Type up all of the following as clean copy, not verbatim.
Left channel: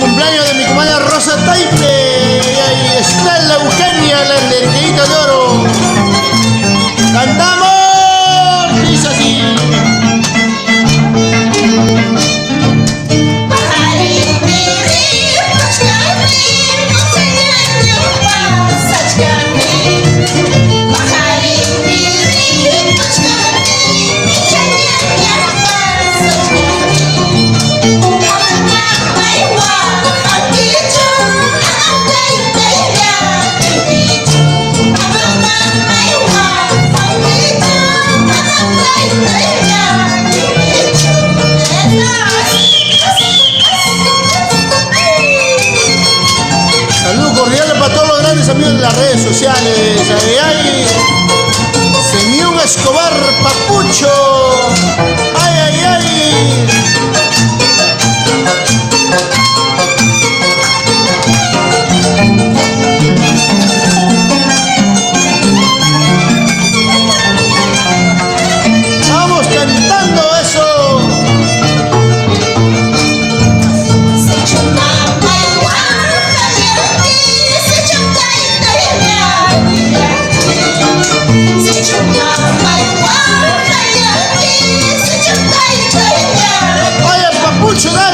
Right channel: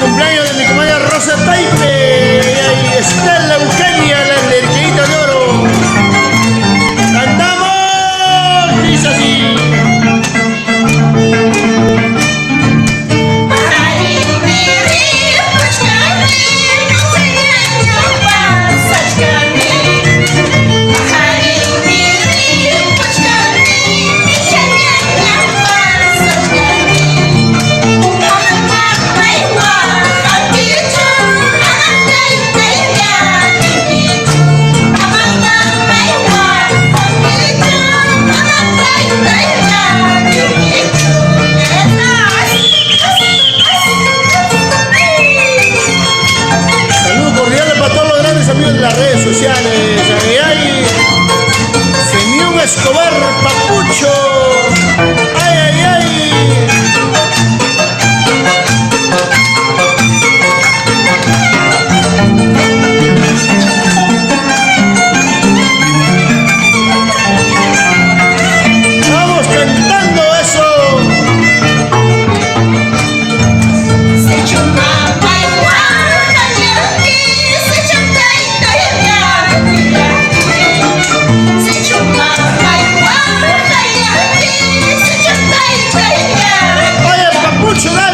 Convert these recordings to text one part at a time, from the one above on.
Cumpleaños de mi comadre Rosa Taipe y ahí está la Eugenia, la Lerqueita de Oro. ¡Cantamos! Dice así. Para todos los grandes amigos de las redes sociales. Ahí hay Semión Escobar Papucho. Ay, ay, ay. Vamos cantando eso. Oye, Papucho, dale.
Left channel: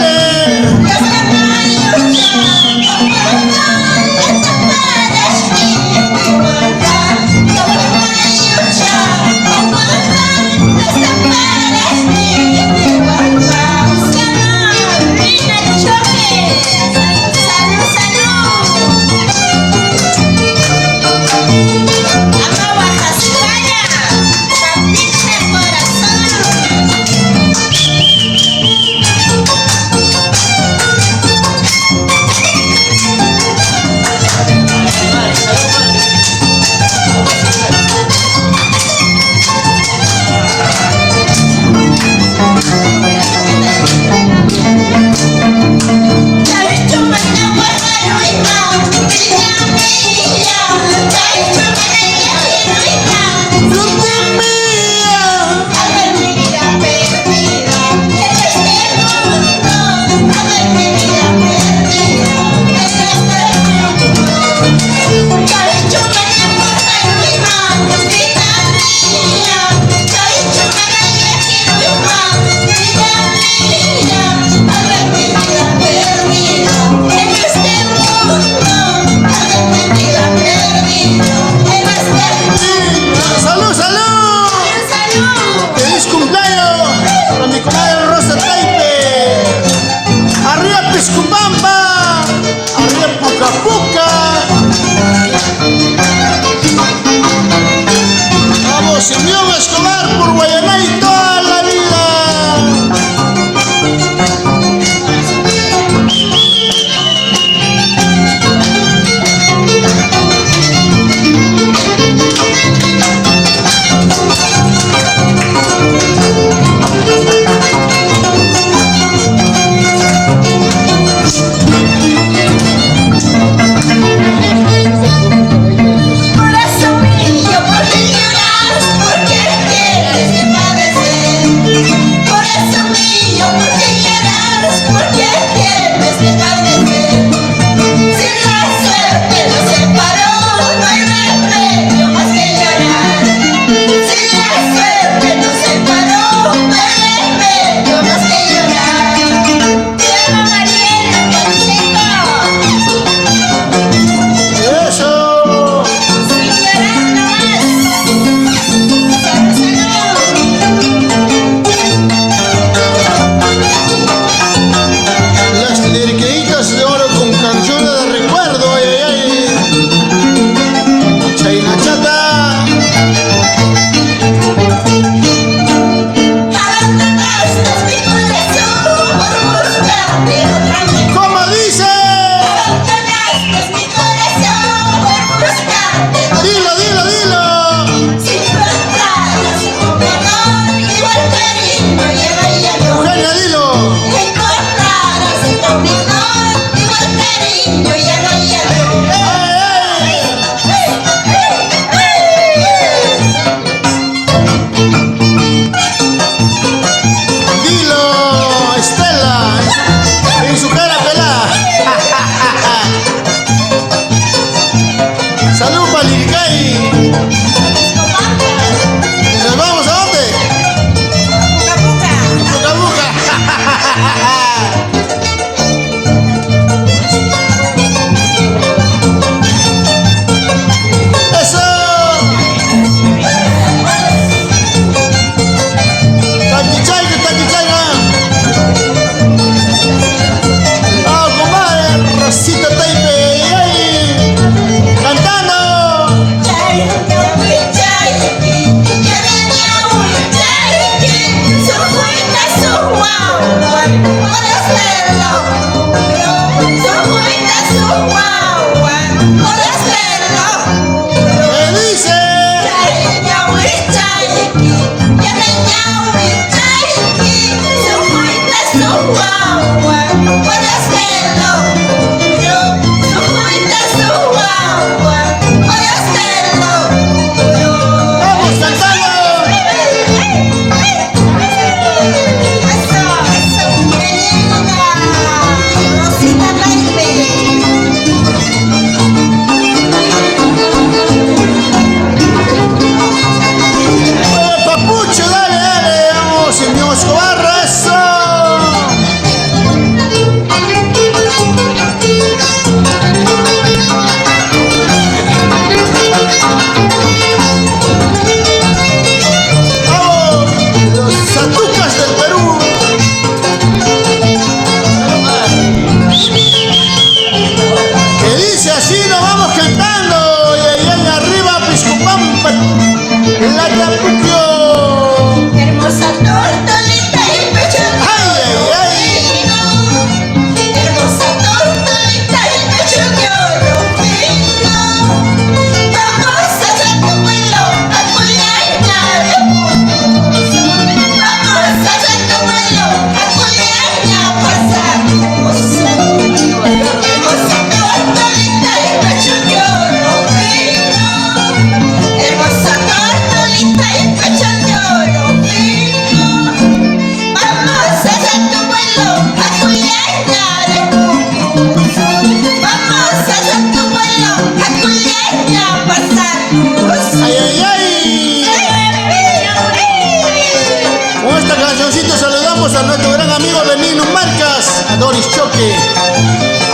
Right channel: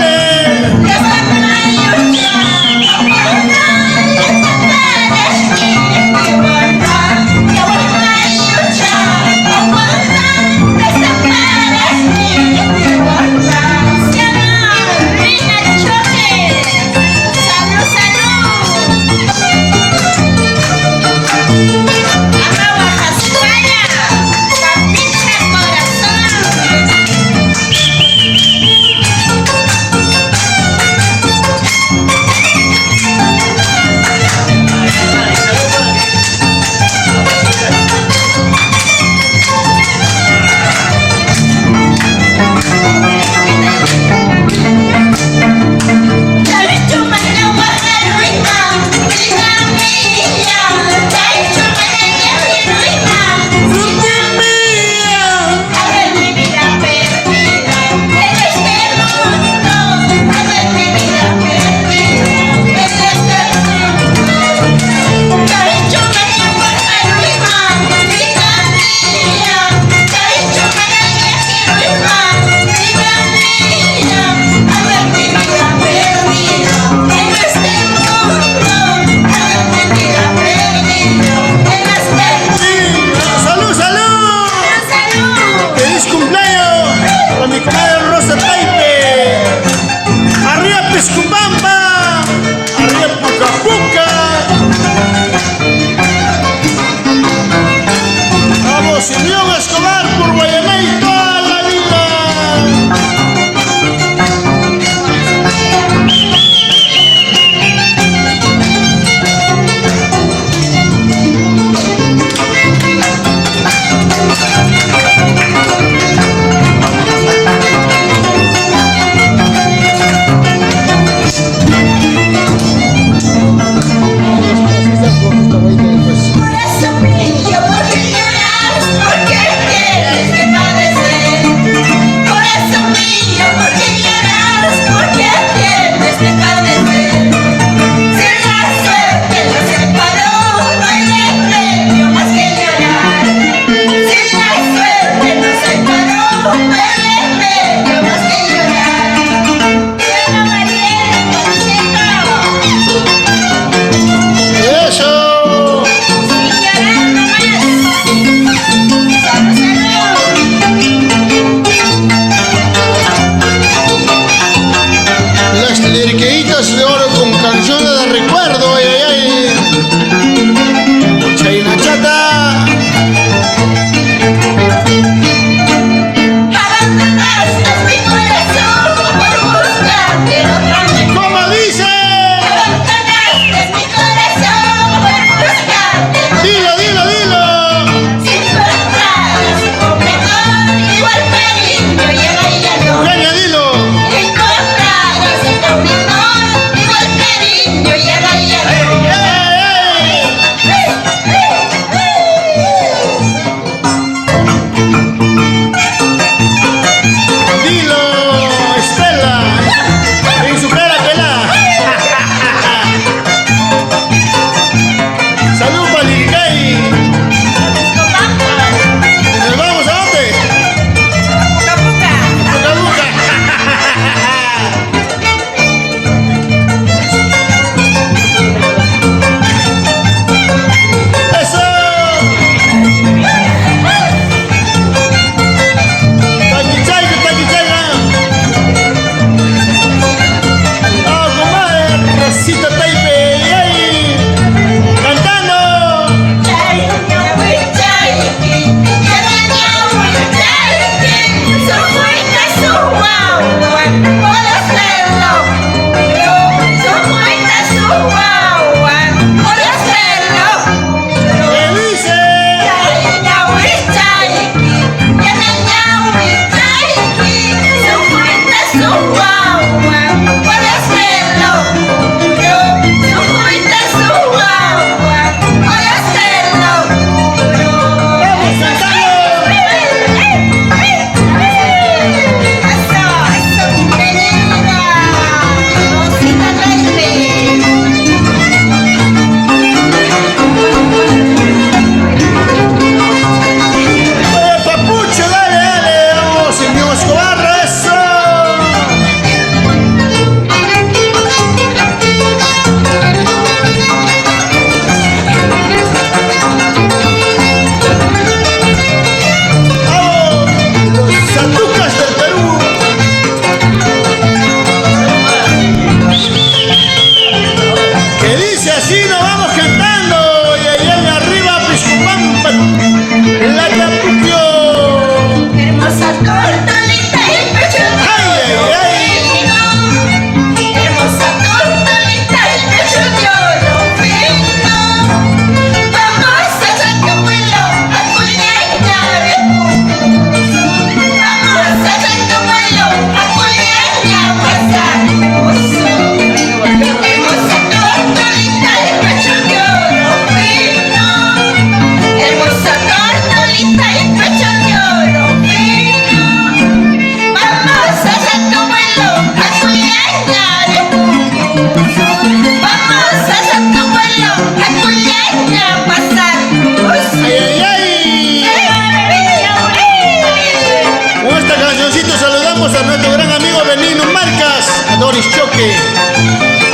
besito saludamos a nuestro gran amigo Benigno Marcas, a Doris Choque.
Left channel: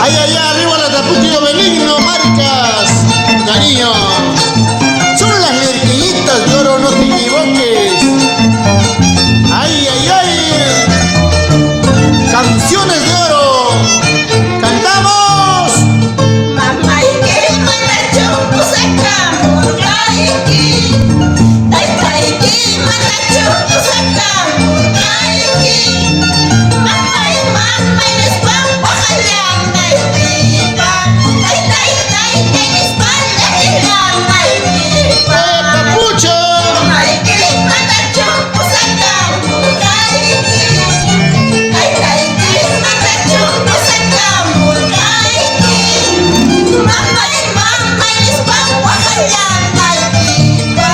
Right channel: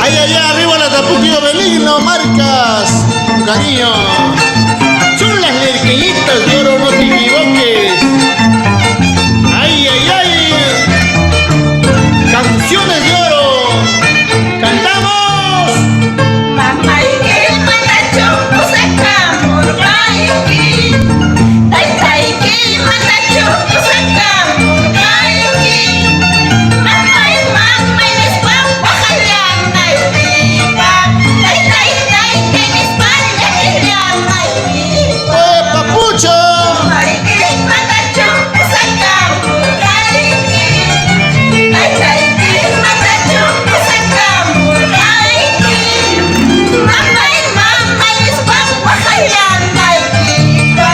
Ahí allá arriba la Tapuquio Benigno Marcas, con cariño. Son las lerqueñitas de oro, no te equivoques. Ay, ay, ay. Canciones de oro. ¡Cantamos! Mamá y que manda chumpo sacamos raiki. Tai tai que manda chumpo sacamos raiki. Mamá y después bajalan nalguita. Tai tai que mi espalda que la nalguita. ¡Eh, papucho! Mamá y que manda chumpo sacamos raiki. Tai tai que manda chumpo sacamos raiki. Mamá y después bajalan nalguita.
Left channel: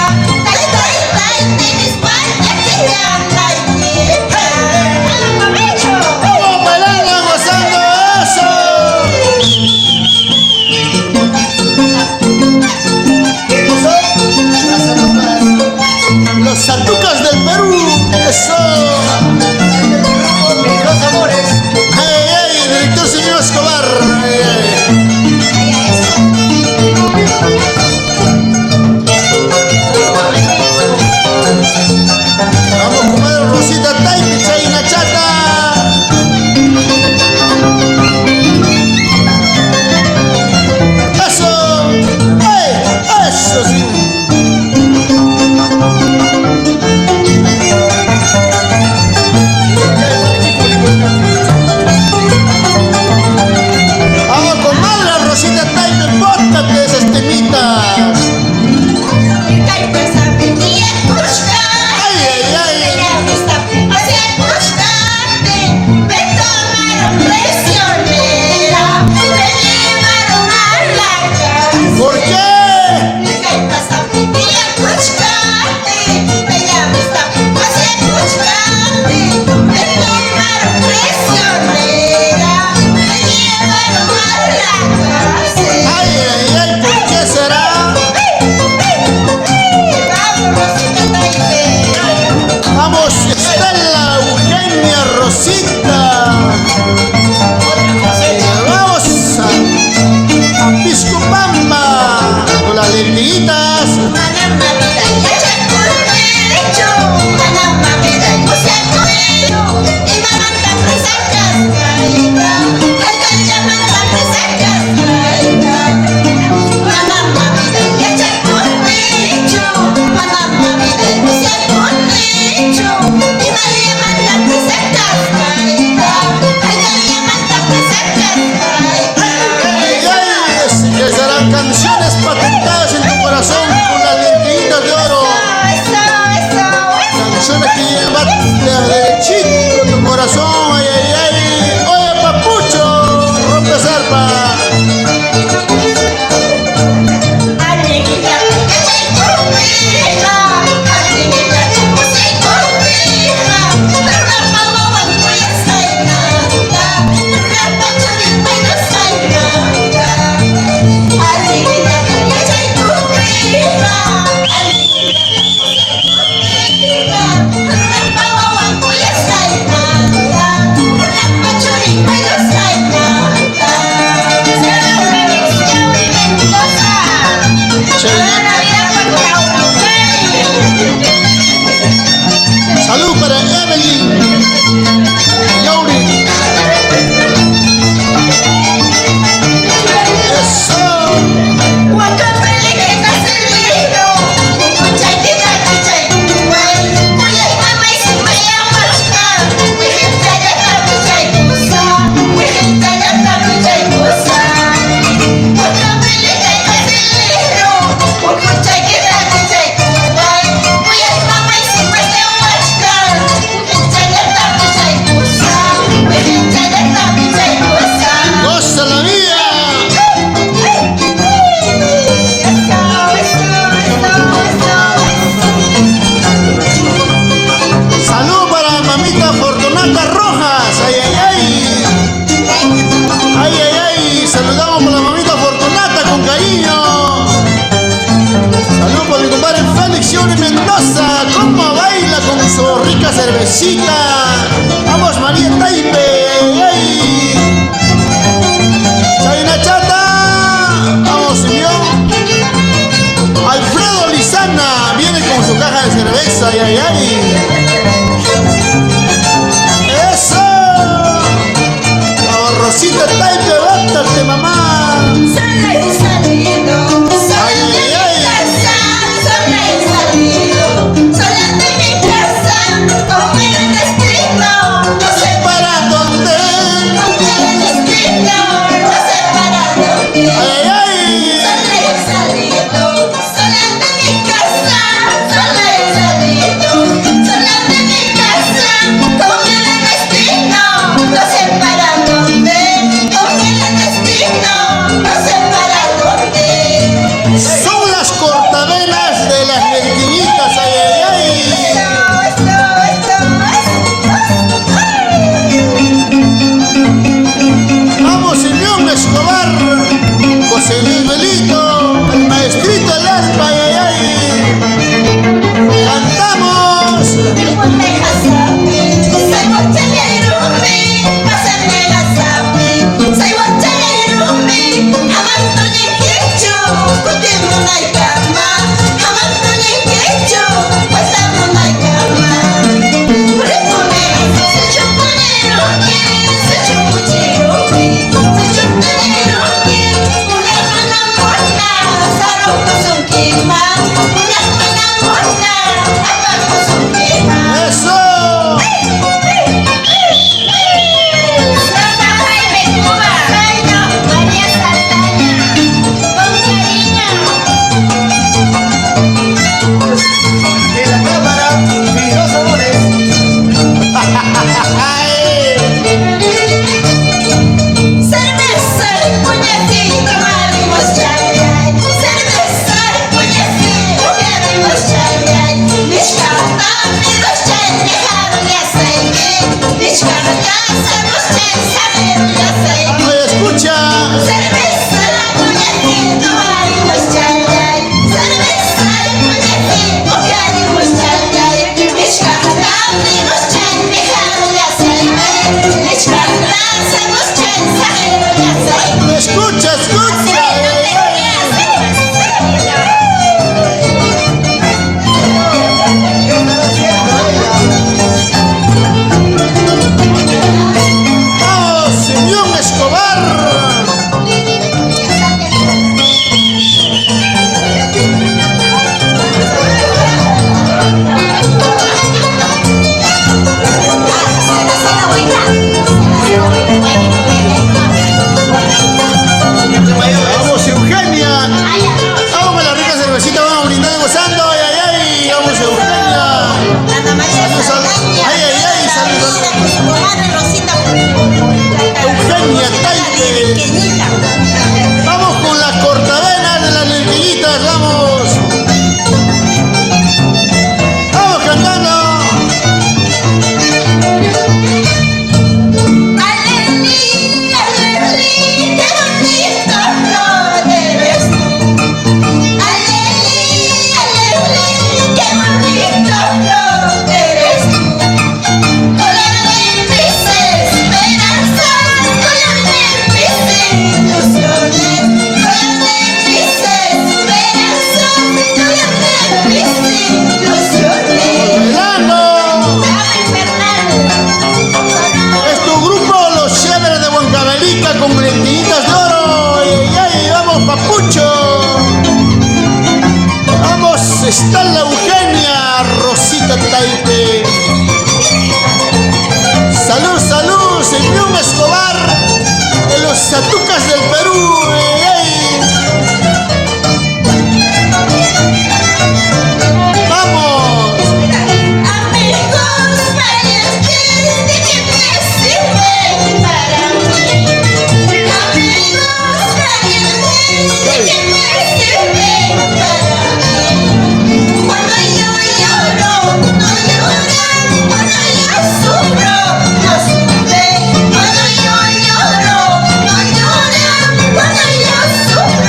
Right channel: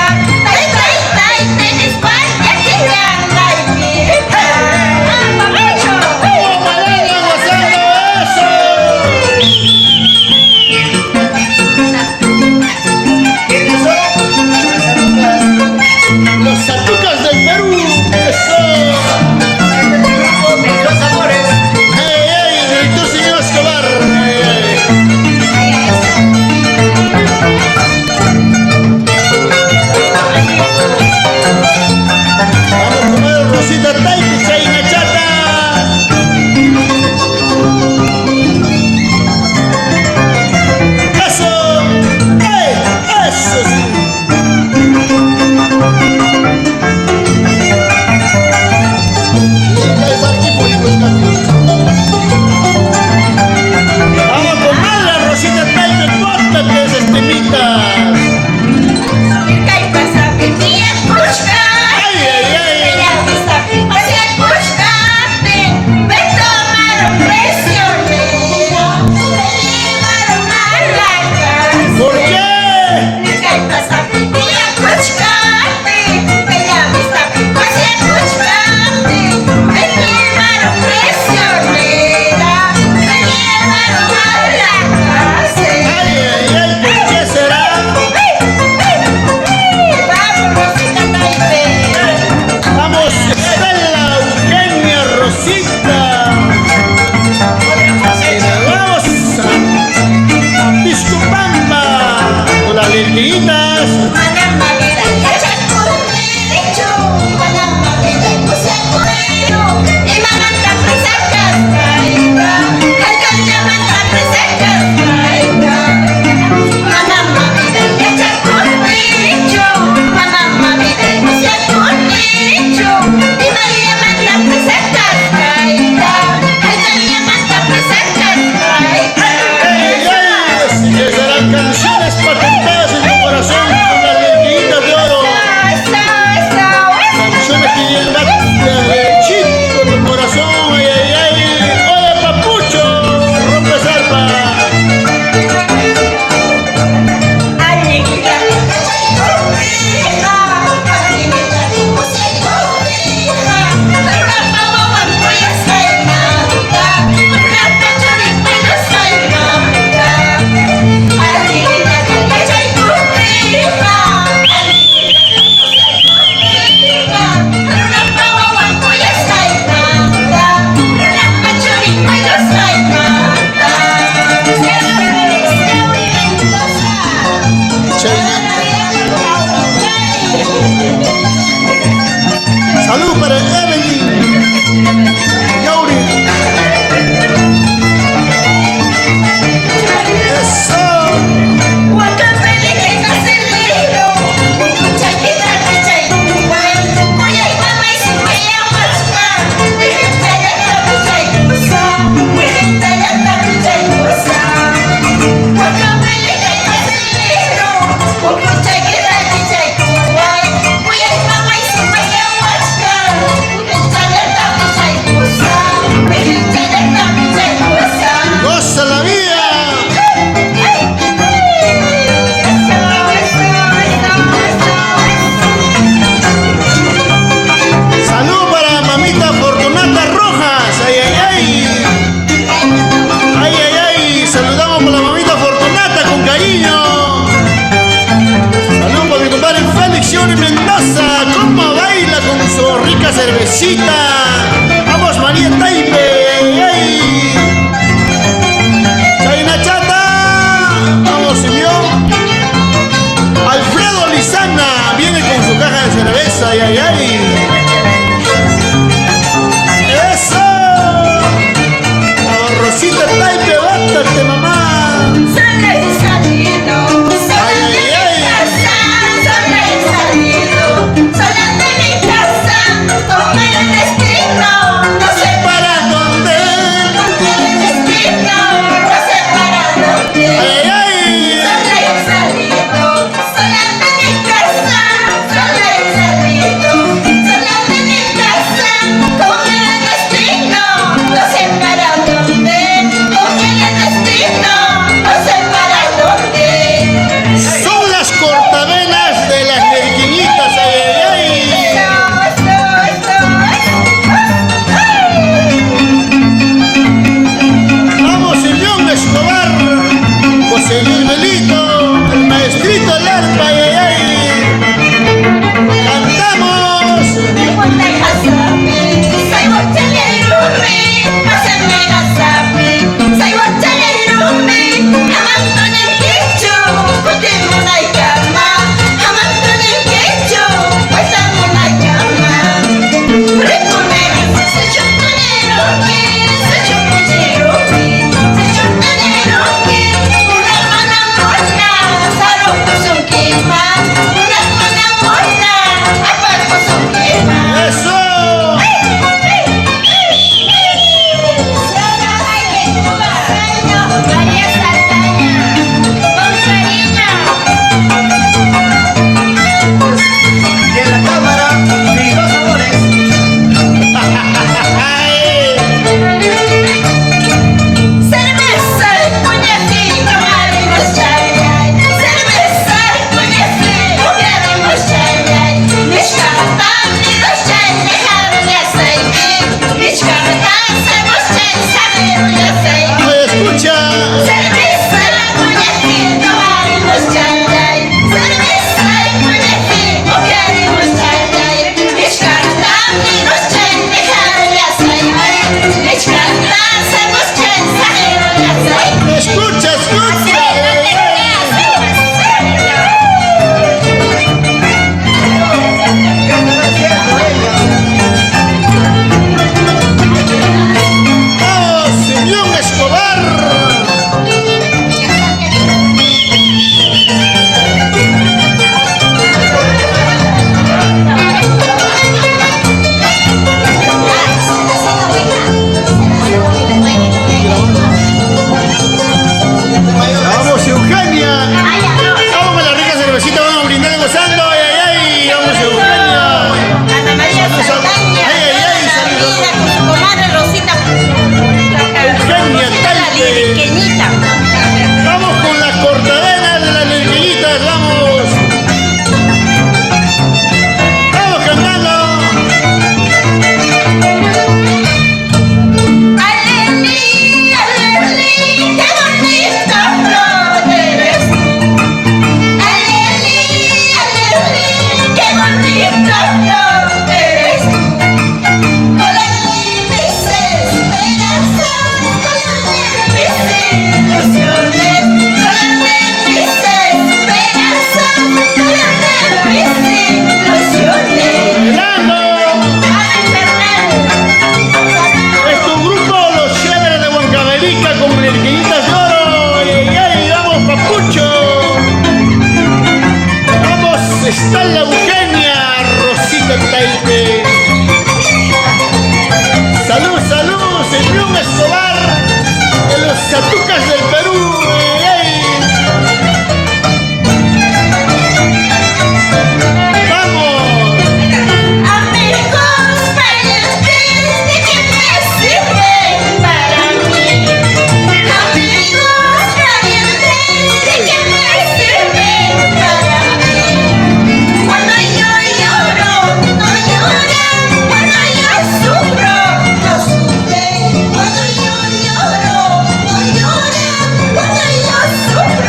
su rica cervecita. Vamos, María Taipe. ¡Ay, ay! Chayna Chata. Vamos, Simeón. Alfredo Lizana viene con su caja de cerveza. ¡Ay, ay, ay! ¡Eso! Vamos, Rosita Taipe, báttate, mamá. Sola he salido, sola Ay, ay, de ay. mi casa, sola he salido, sola de mi casa, con el destino, no sé ¿Para dónde? con el destino, no sé para dónde. ¡Ay, ay! Sola he salido, sola de mi casa, sola he salido, sola de mi casa, con el destino, no sé para dónde, con el destino, no sé para dónde. Son las cortavenas de las nerquiñitas. ¡Ay, ay, ay! Vamos, Simeón Escobar, José Luis Belito, el maestrito del arpa. ¡Ay, ay, ay! ¡Cantamos! ¡Eso! María Saldaña, con cariño. Y en la cámara, mis dos amores. ¡Ay! Cerveza y puñetito, abrimos chayay. Cerveza y puñetito, abrimos chayay. Mieszkam miłość niechaj ja sejmie. Mieszkam miłość ja sejmie. Oye, escucha. Cerveza y puñetito, abrimos chayay. Cerveza y puñetito, abrimos chayay. Mieszkam miłość niechaj ja sejmie. Mieszkam miłość ja sejmie. Escucha, escucha. ¡Ay, ay, ay! ¡Vamos, Simeón Escobar! ¡Vamos, Eugenia! Vamos con la rica cervecita, vamos brindando, gozando. ¡Ay, ay, ay! ¡Vamos, Eugenia! Saludos, ay, ay, ay, saludos. Eugenia Taipe. Vamos con las cortavenas de las nerquillitas, vamos. Vamos cantando. Aleli, aleli, qué bonita flor eres tú. Aleli, aleli, qué bonita flor eres tú. Color de mis esperanzas, color de mis ilusiones, color de mis esperanzas, color de mis ilusiones. Bailando. Ay, Fernando. Es tu grupo Los Chéveres de Huancavelica con nerquillitas de oro. ¡Ay, ay, ay! ¡Vamos, papucho! ¡Vamos! Está la Eugenia, Rosita Taipe. ¡Salud, salud! Simeón Escobar de los Satucas del Perú. ¡Ay, ay! ¡Vamos! Amigos, bailes ¿de qué me sirven para mí? Amigos, bailes ¿de qué me sirven para mí? Cuando yo lloro, no lloran. Cuando yo sufro, no sufren. Cuando yo lloro, no lloran. Cuando yo sufro,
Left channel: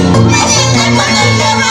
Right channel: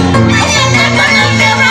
mañana cuando yo